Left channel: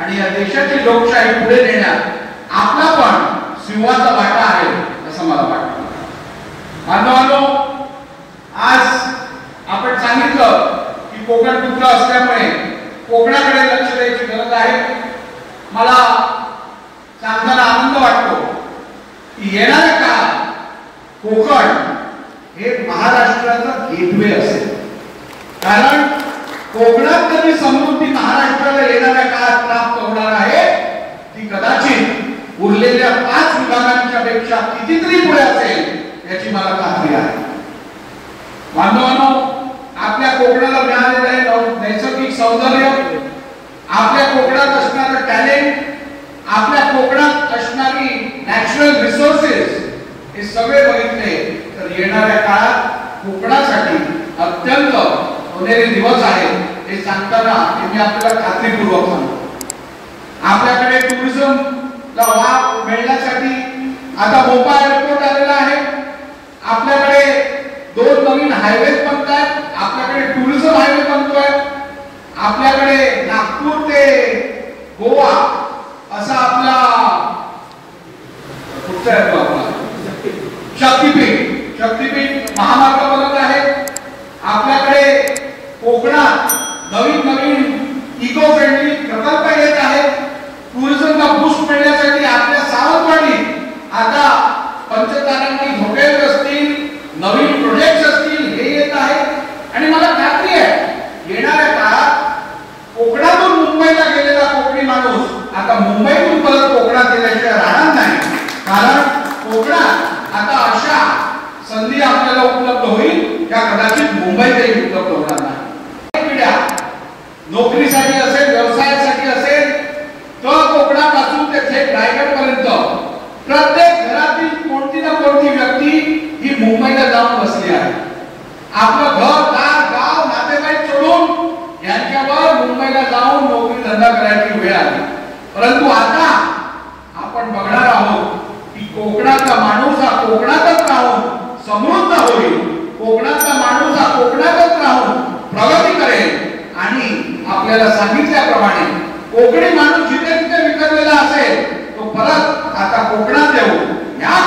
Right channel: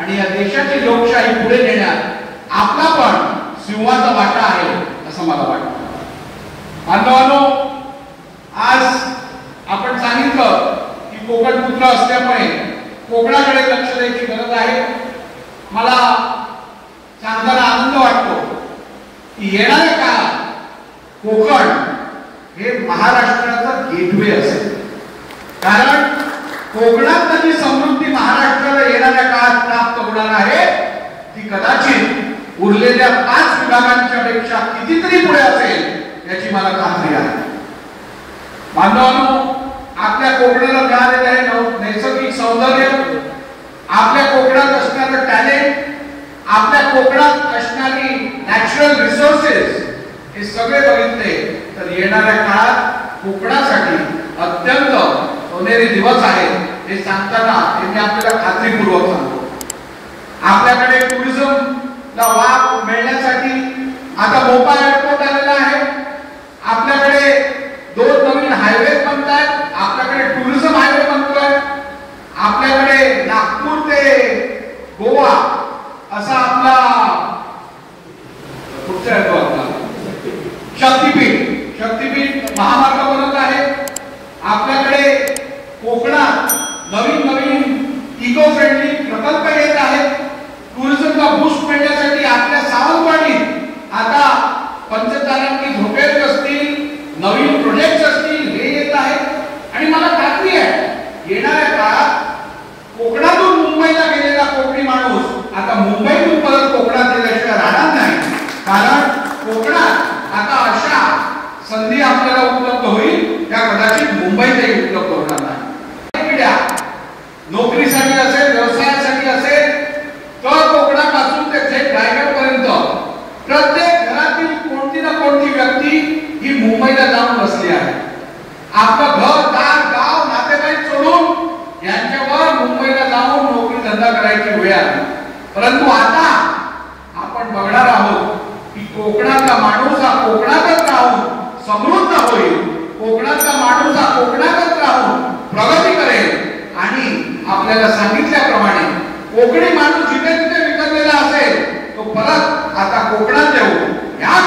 आणि या देशाची लोकशाही पुढे नेण्यात आपला पण सिंहाचा वाटा आहे असं मला वाटतं. बांधवांनो, आज आपण सांगितलं की कोकण तुकडा असल्यामुळे कोकणाकडे लक्ष द्यायची गरज आहे. मला सांगताना आनंद वाटतो की येणाऱ्या काळात कोकण हे महाराष्ट्राचं गेटवे असेल. कारण कोकणात जी समृद्धी महाराष्ट्राला येणाऱ्या काळात प्राप्त होणार आहे ती कदाचित उरलेल्या 5 विभागांच्या पेक्षा कितीतरी पुढे असेल याची मला खात्री आहे. बांधवांनो, आपल्या कोकणाला मिळालेलं आहे नैसर्गिक सौंदर्य, आपल्या कोकणात असणारं टॅलेंट, आपल्या कोकणात असणारी नॅचरल रिसोर्सेस हे सगळे बघितले तर येणाऱ्या काळात कोकणासाठी अत्यंत सोनेरी दिवस आहे हे सांगताना मी आपल्याला खात्रीपूर्वक सांगतो. आपल्याकडे टुरिझमला वाव मिळण्यासाठी आता भोपाळ एअरपोर्ट आलेला आहे. आपल्याकडे 2 नवीन हायवे बनतात. आपल्याकडे टुरिझम हायवे बनतोय. आपल्याकडे नागपूर ते गोवा असा आपला कुठचा आहे तो आपला शक्तिपीठ महामार्ग बनत आहे. आपल्याकडे कोकणात नवीन इको फ्रेंडली प्रकल्प येत आहेत. टुरिझमला बूस्ट मिळण्यासाठी आपल्या सावंतवाडीत आता पंचतारांकित हॉटेल्स असतील, नवीन प्रोजेक्ट्स असतील हे येत आहेत. आणि मला खात्री आहे येणाऱ्या काळात कोकणातून मुंबईला गेलेला कोकणी माणूस आता मुंबईतून परत कोकणात येण्याशिवाय राहणार नाही. कारण कोकणात आता अशा संधी आपल्याला उपलब्ध होईल त्या कदाचित मुंबईतही उपलब्ध होणार नाही. पिढ्या नोकरीसाठी असेल, व्यवसायासाठी असेल तर कोकणापासून ते थेट रायगडपर्यंत प्रत्येक घरातील कोणती ना कोणती व्यक्ती ही मुंबईला जाऊन बसली आहे. आपलं घर, दार, गाव, नातेवाईक सोडून यांच्यावर मुंबईला जाऊन नोकरी धंदा करायची वेळ आली. परंतु आता आपण बघणार आहोत की कोकणाचा माणूस हा कोकणातच राहून समृद्ध होईल. कोकणाचा माणूस हा कोकणातच राहून प्रगती करेल. आणि आपल्याला सांगितल्याप्रमाणे कोकणी माणूस जिथे तिथे विखरलेला असेल तो परत आता कोकणात येऊ. या